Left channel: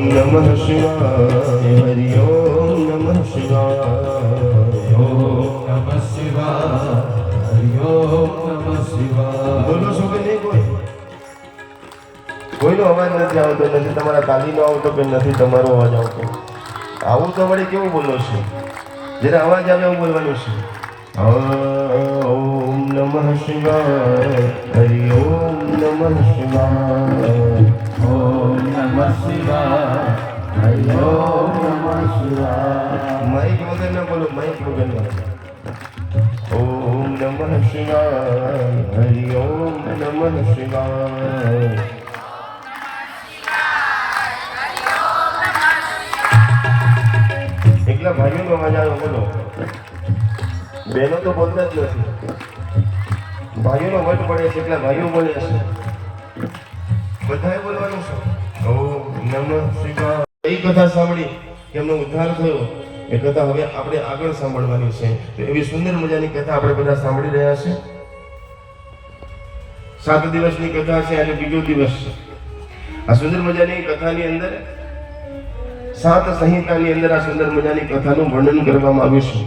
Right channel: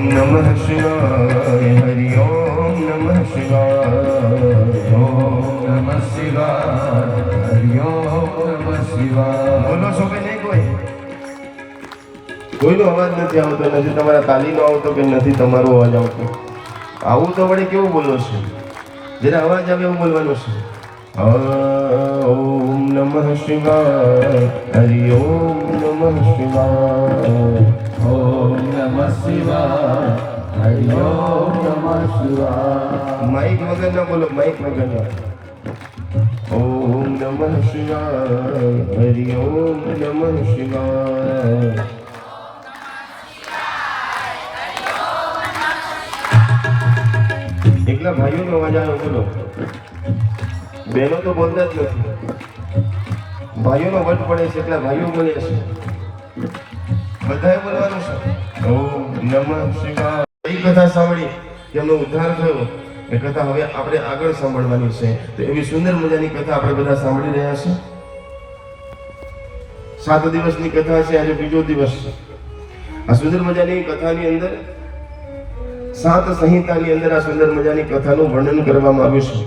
नमः शिवाय हरि ओम नमः शिवाय ओम नमः शिवाय हरि ओम नमः शिवाय। बोलो છો કે નહીં? કોઈનો અવાજ નથી આવતો, નથી તમારા તાલીનો આવતો કે નથી તમારો અવાજ આવતો. આવું તો વડે કેવું બોલો છો? જ્યારે અવાજ આવે એવું બોલવાનું છે. ઓમ નમઃ શિવાય હરિ ઓમ નમઃ શિવાય ओम नमः शिवाय हरि ओम नमः शिवाय। માઇક વગર ના બોલો, માઇક વગર ના. ઓમ નમઃ શિવાય હરિ ઓમ નમઃ શિવાય. એકલા ભાઈઓનો અવાજ આવે બોલો. બહેનો તો બોલતા જ નથી. ભાઈઓનો વટ પડે છે એટલે ભાઈઓ બોલે છે. બધાએ બોલવાનું છે. ઓમ નમઃ શિવાય. કઈ કથા સાંભળી એમનો ઉદ્ધાર થયો એ કથા હવે આપણે આગળ સાંભળવાની છે. તો એવી સુંદર મજાની કથા આપણે બધા સાંભળી રહ્યા છે. 7 દિવસની કથા છે, આજે બીજો દિવસ છે. આ સુંદર મજાની કથાની અંદર 7 સંહિતાની અંદર આ સુંદર મજાની કથાનું વર્ણન કરવામાં આવ્યું છે.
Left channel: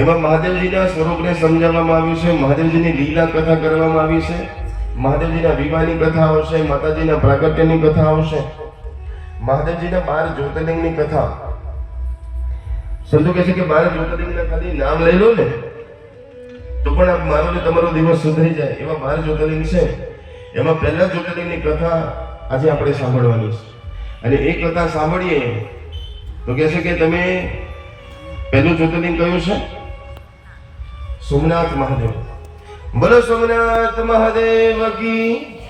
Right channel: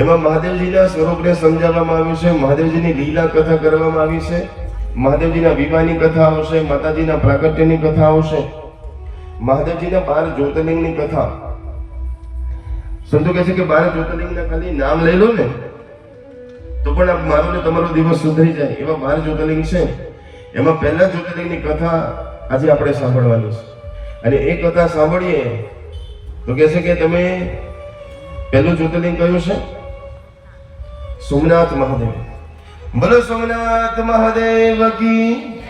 એમાં મહાદેવજીના સ્વરૂપને સમજાવવામાં આવ્યું છે, મહાદેવજીની લીલા કથા કરવામાં આવી છે, મહાદેવજીના વિવાહની કથા આવશે, માતાજીના પ્રાગટ્યની કથા આવશે, મહાદેવજીના 12 જ્યોતિર્લિંગની કથા. સંતો કહે છે કે 12 જ્યોતિર્લિંગના ખાલી નામ લઈ લો ને તો પણ મારો ને તમારો દિવસ સુધરી જાય એવા 12 જ્યોતિર્લિંગ છે. એમાં પહેલા જ્યોતિર્લિંગની કથા આજે આપણે સાંભળવાની છે. અને એ કથા સાંભળીએ તો કહે છે કે તમે પહેલું જ્યોતિર્લિંગ કયું છે? સોમનાથ મહાદેવ. બોલો સોમનાથ મહાદેવ કી.